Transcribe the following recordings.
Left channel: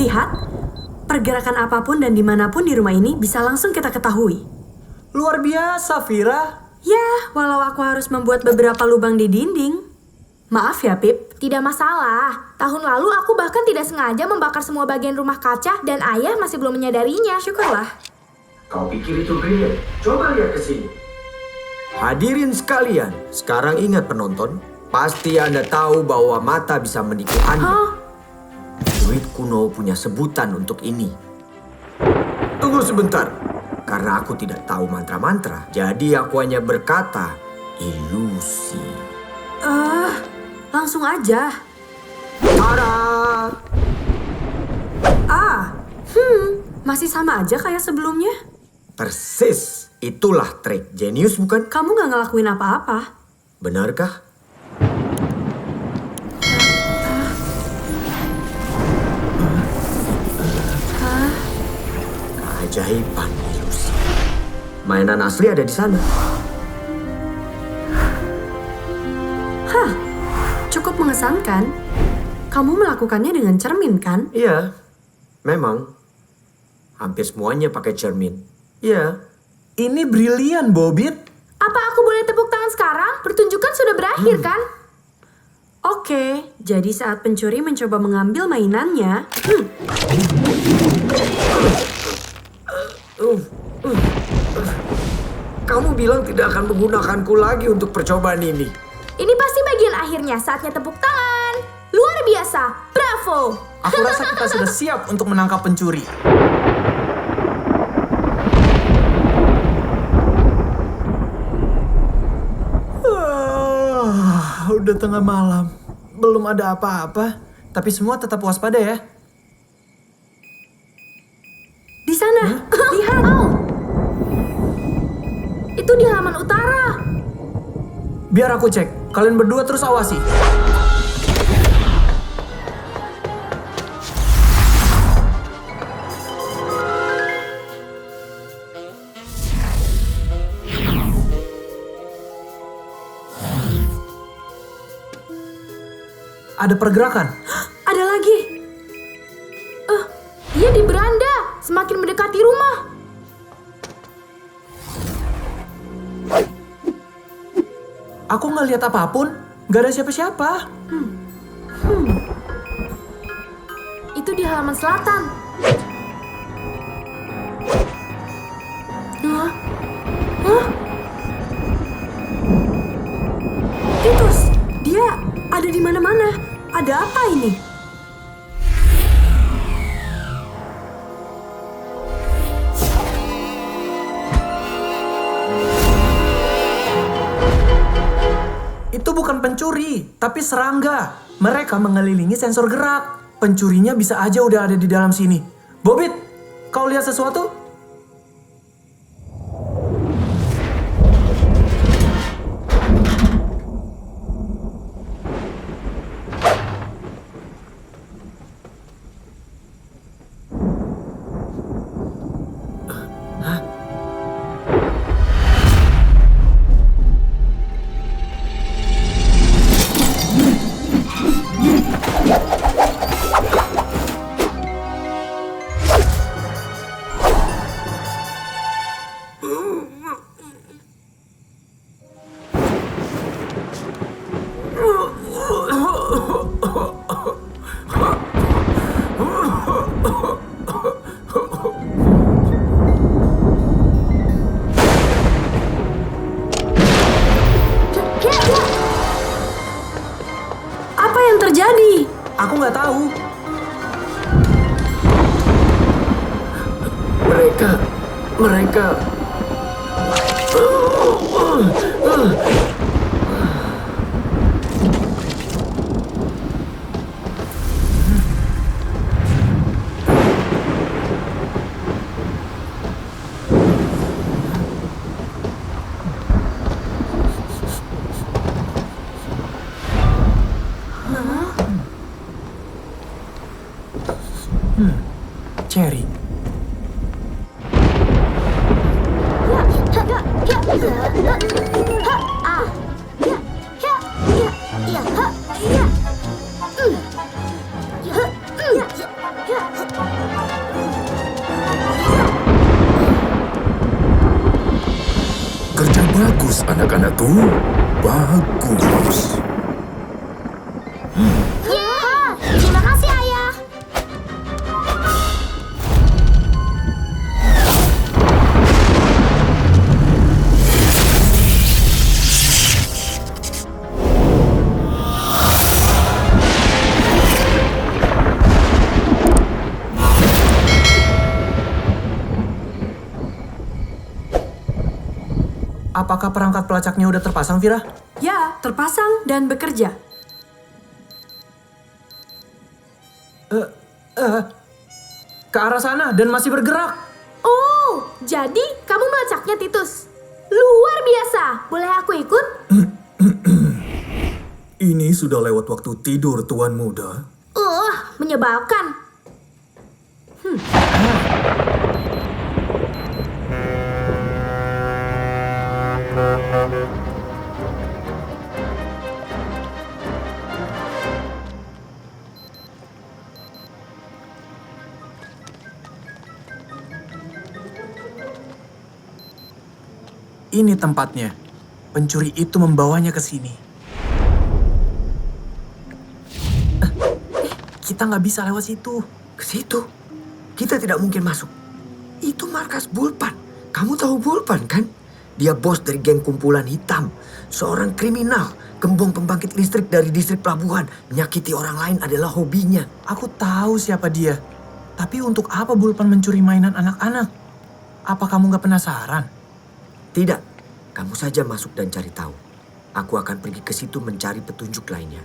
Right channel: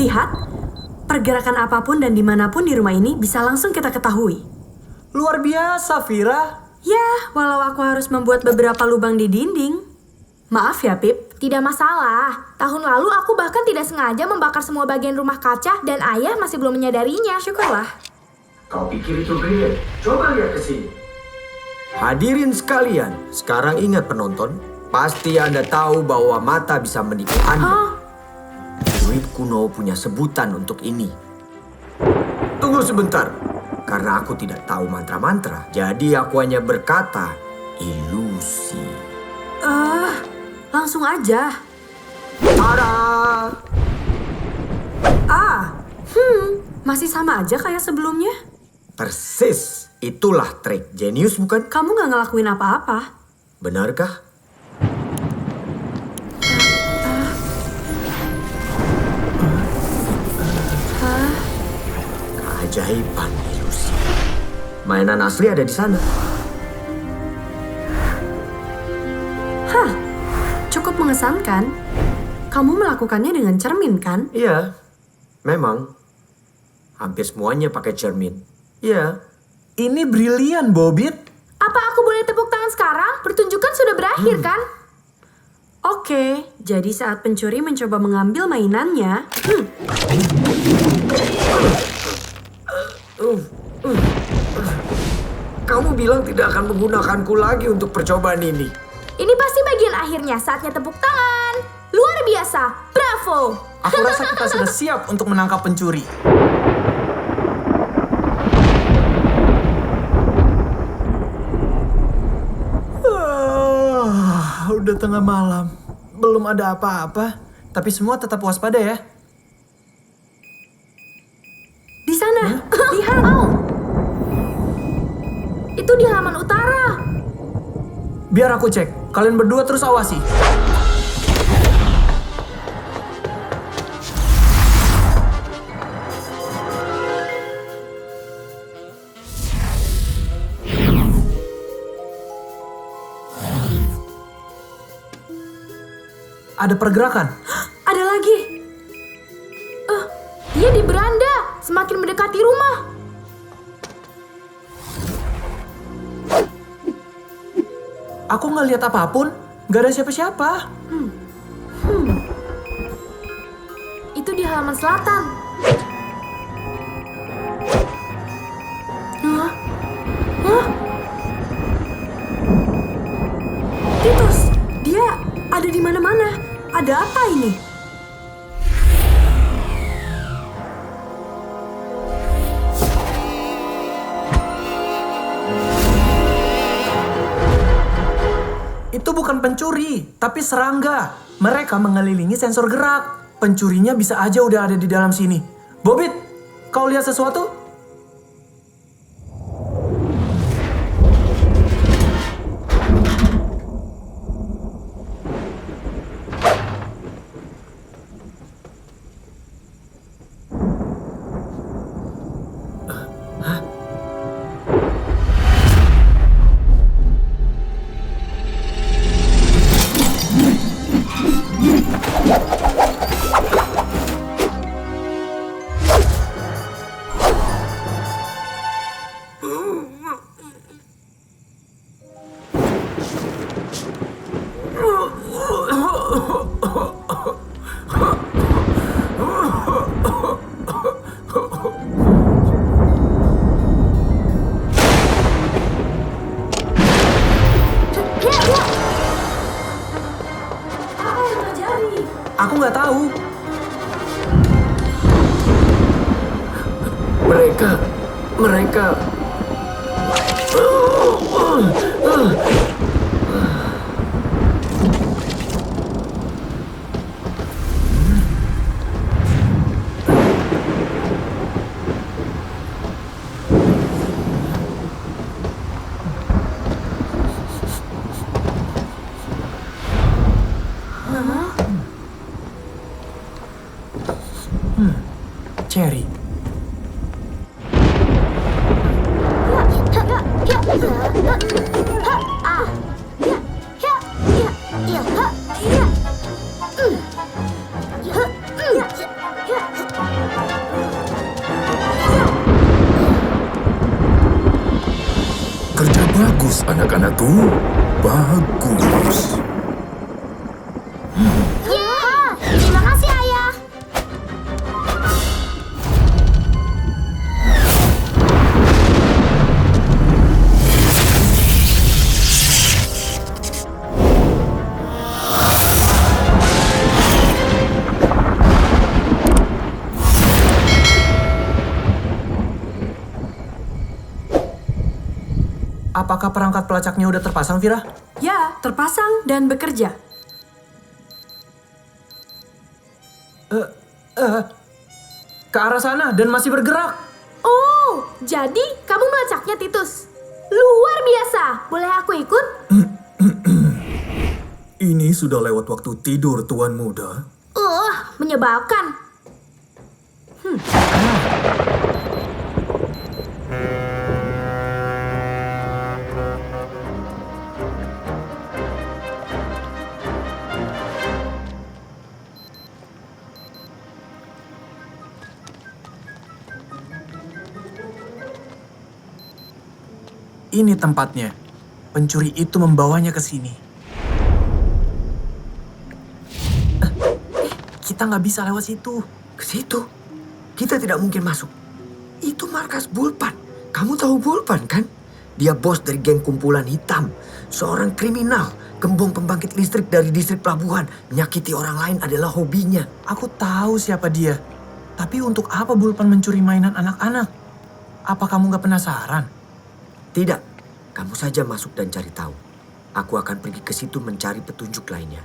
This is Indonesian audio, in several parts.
Lihat, pergerakan apapun dan dimanapun di rumah ini bisa langsung kita ketahui. Luar biasa, Vira. Ya, walau aku harus membuat beberapa lubang di dinding. Maaf ya, Pip. Tidak masalah. Tahun lalu aku bahkan tidak sengaja membakar semua bagian rumah kaca dan ayah masih belum menyadarinya. Syukurlah. Kau pikir itu brilian? Coba lihat ke sini. Hadirin sekalian, sekarang ingat penonton, pasti Anda tahu bahwa mata bisa menipu Anda. Druid kuno punya sebutan untuk ini. Tunggu sebentar, karena aku tidak tahu mantra-mantra, jadi aku hanya berkata ilusi. Langsung aja. Tada! Masih sama aja kayak sebelumnya. Persis, itulah trik jenius bukan? Kamu gak ngelakuin apa-apa. Benarkah? Keajaiban ilusi. Mainan asli ada di sana. Cukup mengesankan. Kamu melakukannya dengan cermin, kan? Iya, memang. Hampir semuanya pakai cermin. Iya. Ini brilian, Bobit. Apa aku boleh tepuk tangan sekarang? Pertunjukan sudah berakhir kan? Oke, jadi saat pencuri mencoba mengambil mainannya... Kamu bilang tidak akan menggunakanku lagi untuk percobaan ini. Ini pasti bagian akhirnya, saatnya tepuk tangan. Luar biasa, bravo. Aku rasa kita sudah siap untuk menangkap pencuri. Udah tengah malam. Belum ada apa-apa. Tapi semua tetap waspada ya. Di sana, lihat. Itu di halaman utara. Biar aku cek. Kalian berdua terus awasi. Ada pergerakan. Ada lagi. Dia di beranda, semakin mendekati rumah. Aku nggak lihat apapun. Nggak ada siapa-siapa. Itu di halaman selatan. Titus, dia ada di mana-mana. Ada apa ini? Itu bukan pencuri, tapi serangga. Mereka mengelilingi sensor gerak. Pencurinya bisa aja udah ada di dalam sini. Bobit, kau lihat sesuatu? Apa yang terjadi? Aku nggak tahu. Mereka... Cherry. Bagus, anak-anakku. Bagus. Ya, terima kasih ayah. Apakah perangkat pelacaknya udah terpasang, Vira? Ya, terpasang dan bekerja. Ke arah sana dan masih bergerak. Oh, jadi kamu melacaknya, Titus? Luar biasa. Boleh aku ikut? Ini sudah lewat waktu tidur, Tuan Muda. Menyebalkan. Ini tempatnya. Pencuri itu membawanya ke sini. Kita nggak bisa lewat situ. Ke situ? Kita tidak mungkin masuk. Itu markas Bulpan. Kamu tahu Bulpan kan? Dia bos dari geng kumpulan hitam. Seorang kriminal. Gembong pembangkit listrik dari distrik pelabuhan. Menyakiti orang lain adalah hobinya. Aku tahu siapa dia. Tapi untuk apa Bulpan mencuri mainan anak-anak? Apa kamu nggak penasaran? Tidak. Kamu saja masuk dan cari tahu. Aku akan pergi ke situ mencari petunjuk lainnya.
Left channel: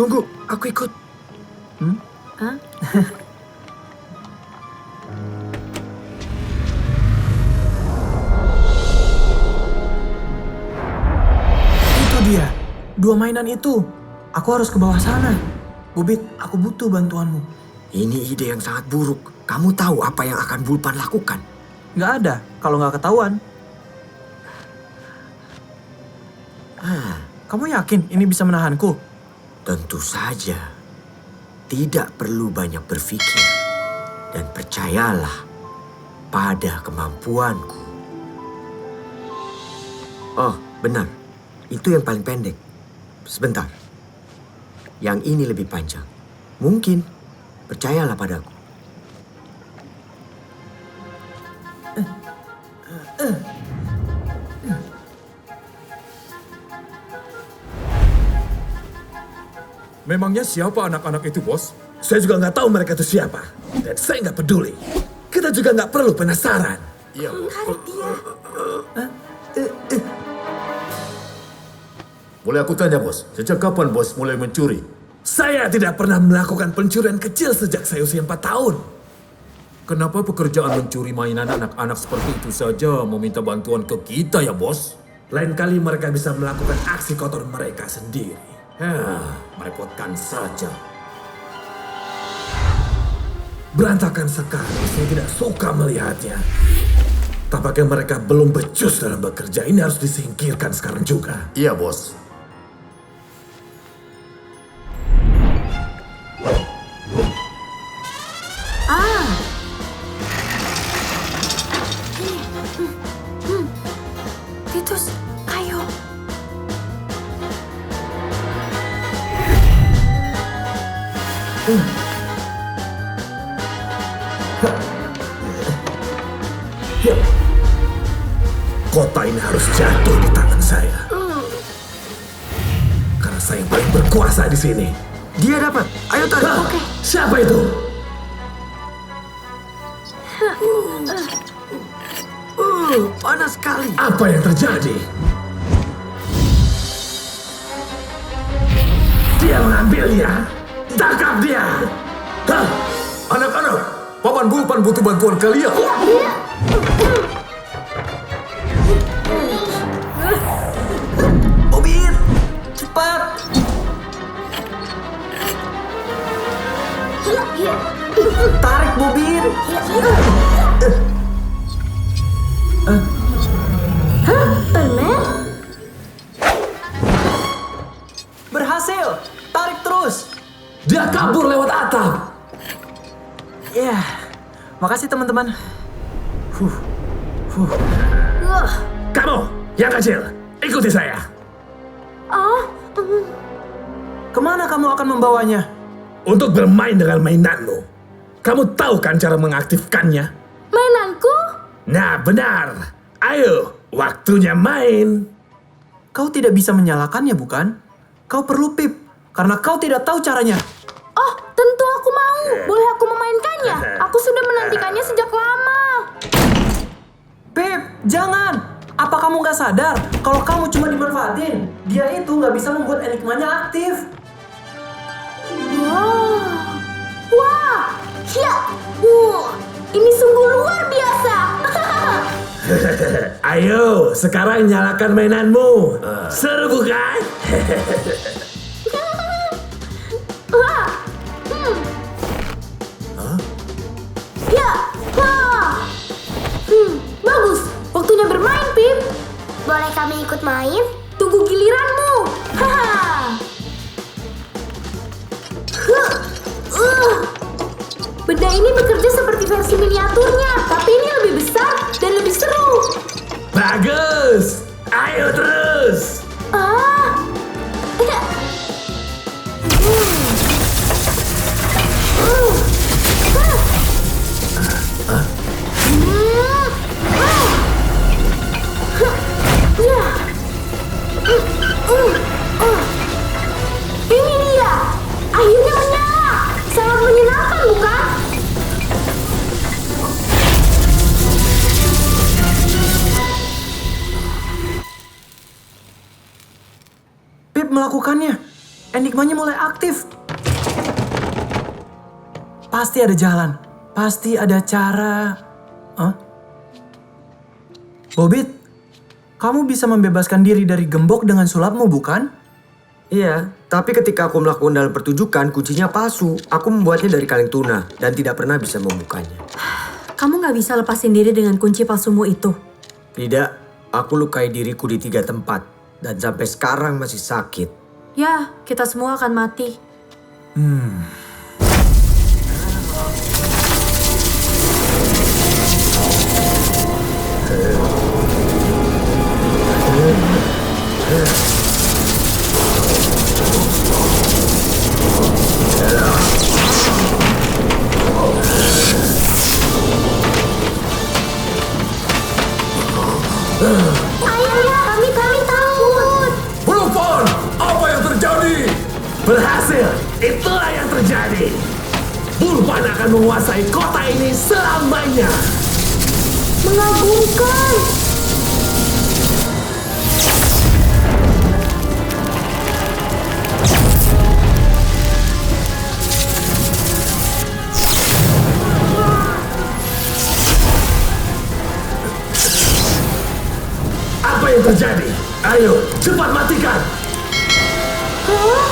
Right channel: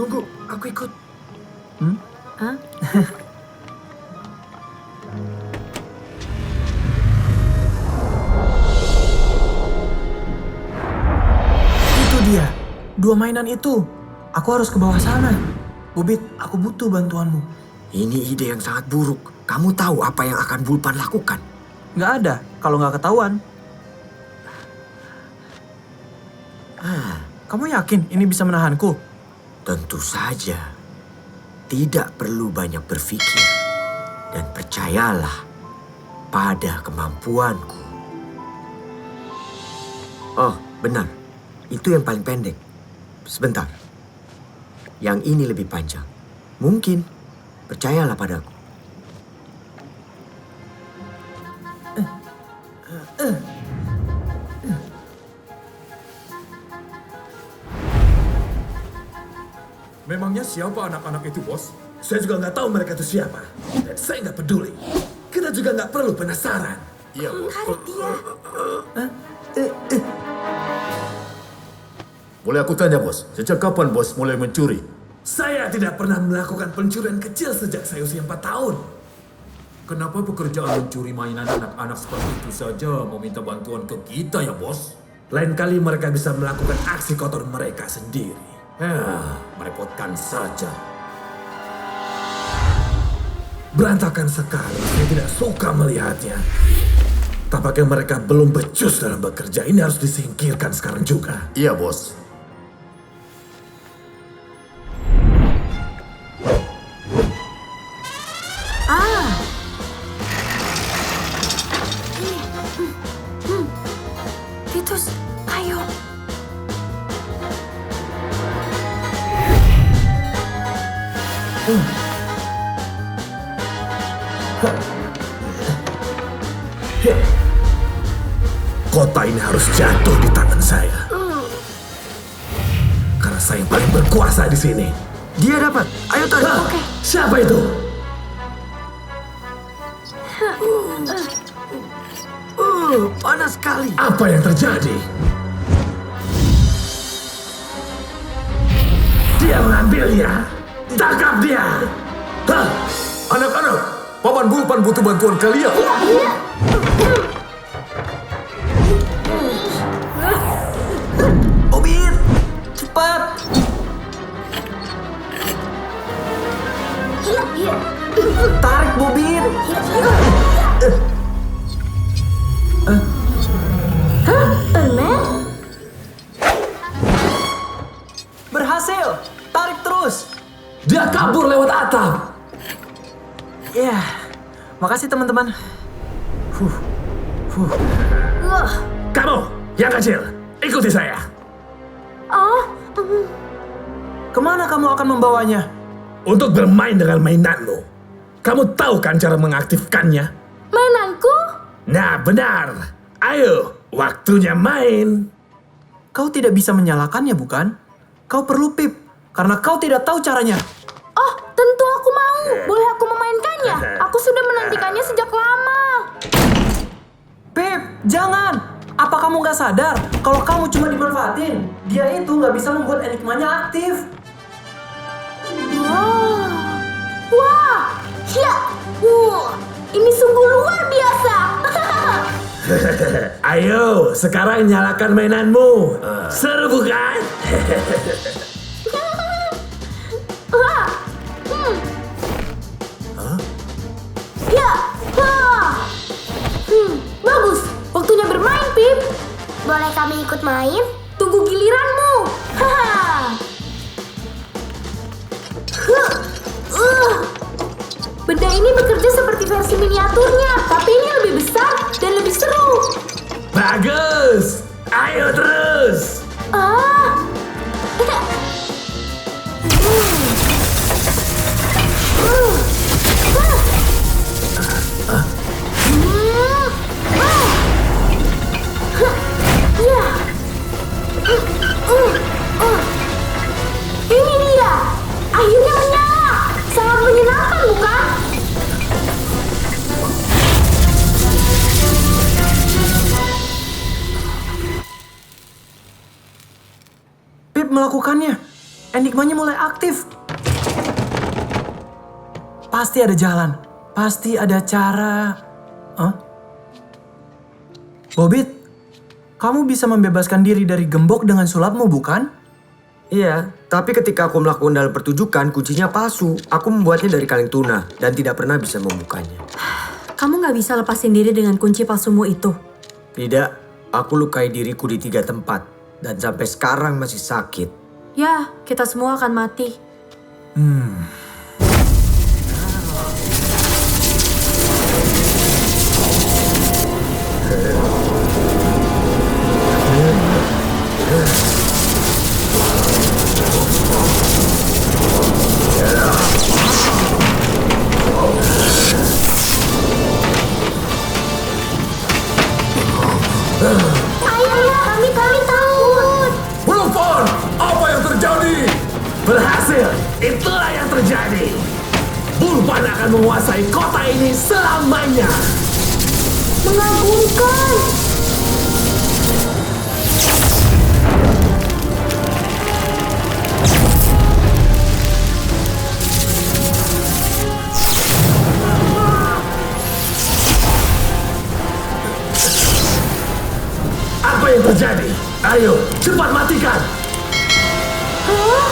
Tunggu, aku ikut. Itu dia. 2 mainan itu. Aku harus ke bawah sana. Bobit, aku butuh bantuanmu. Ini ide yang sangat buruk. Kamu tahu apa yang akan Bulpan lakukan? Nggak ada kalau nggak ketahuan. Kamu yakin ini bisa menahanku? Tentu saja. Tidak perlu banyak berpikir. Dan percayalah pada kemampuanku. Oh, benar. Itu yang paling pendek. Sebentar. Yang ini lebih panjang. Mungkin. Percayalah padaku. Memangnya siapa anak-anak itu, Bos? Saya juga nggak tahu mereka itu siapa. Dan saya nggak peduli. Kita juga nggak perlu penasaran. Iya, Bos. Boleh aku tanya, Bos? Sejak kapan Bos mulai mencuri? Saya tidak pernah melakukan pencurian kecil sejak saya usia 4 tahun. Kenapa pekerjaan mencuri mainan anak-anak seperti itu saja meminta bantuan ke kita ya, Bos? Lain kali mereka bisa melakukan aksi kotor mereka sendiri. Merepotkan saja. Berantakan sekali, saya tidak suka melihatnya. Tampaknya mereka belum becus dalam bekerja. Ini harus disingkirkan sekarang juga. Iya, Bos. Titus, ayo. Ya. Kota ini harus jatuh di tangan saya. Karena saya paling berkuasa di sini. Dia dapat. Ayo tarik. Oke. Siapa itu? Panas sekali. Apa yang terjadi? Dia mengambilnya. Tangkap dia. Hah? Anak-anak, Paman Bulpan butuh bantuan kalian. Bobit, cepat. Tarik, Bobit. kabur lewat atap. Ya, makasih teman-teman. Kamu, yang kecil, ikuti saya. Kemana kamu akan membawanya? Untuk bermain dengan mainanmu. Kamu tahu kan cara mengaktifkannya? Mainanku? Nah, benar. Ayo, waktunya main. Kau tidak bisa menyalakannya, bukan? Kau perlu pip, karena kau tidak tahu caranya. Oh, tentu aku mau. Boleh aku memainkannya? Aku sudah menantikannya sejak lama. Pip, jangan! Apa kamu nggak sadar kalau kamu cuma dimanfaatin? Dia itu nggak bisa membuat enigmanya aktif. Wah. Wah. Ya. Ini sungguh luar biasa. Ayo, sekarang nyalakan mainanmu. Seru bukan? Ya. Wah. Bagus. Waktunya bermain, Pip. Boleh kami ikut main? Tunggu giliranmu. Haha. Benda ini bekerja seperti versi miniaturnya, tapi ini lebih besar dan lebih seru. Bagus. Ayo terus. Ah. Ya. Ini dia. Akhirnya menyala. Sangat menyenangkan, bukan? Pip melakukannya. Enigmanya mulai aktif. Pasti ada jalan. Pasti ada cara. Hah? Bobit, kamu bisa membebaskan diri dari gembok dengan sulapmu, bukan? Iya, tapi ketika aku melakukan dalam pertunjukan, kuncinya palsu. Aku membuatnya dari kaleng tuna dan tidak pernah bisa membukanya. Kamu nggak bisa lepasin diri dengan kunci palsumu itu. Tidak, aku lukai diriku di 3 tempat. Dan sampai sekarang masih sakit. Ya, kita semua akan mati. Ayah, kami takut. Bulupon, apa yang terjadi? Berhasil, itulah yang terjadi. Bulpan akan menguasai kota ini selamanya. Mengagumkan. Apa yang terjadi? Ayo, cepat matikan. Hah?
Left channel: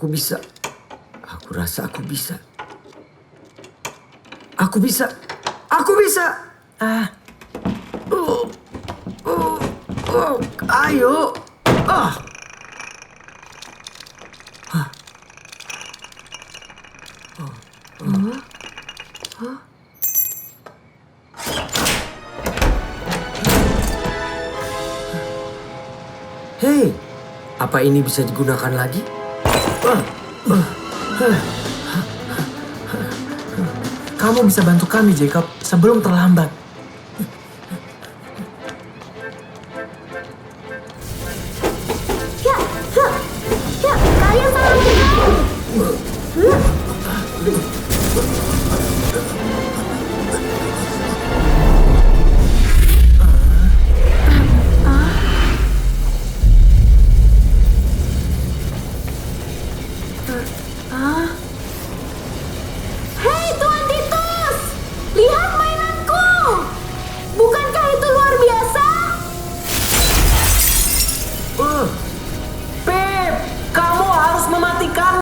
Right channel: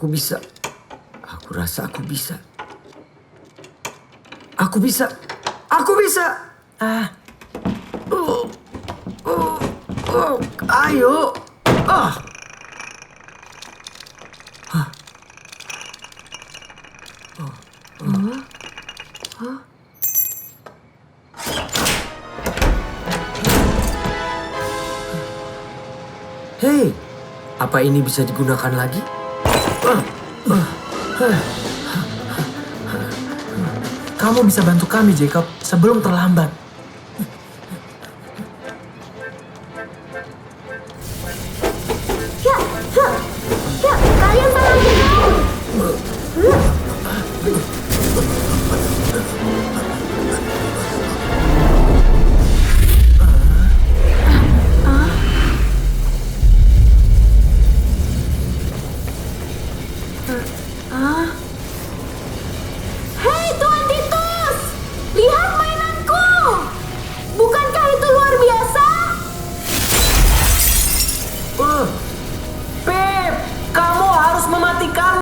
Aku bisa. Aku rasa aku bisa. Aku bisa. Aku bisa. Ayo. Hei, apa ini bisa digunakan lagi? Kamu bisa bantu kami, Jacob, sebelum terlambat. Ya, kalian salah aja kan?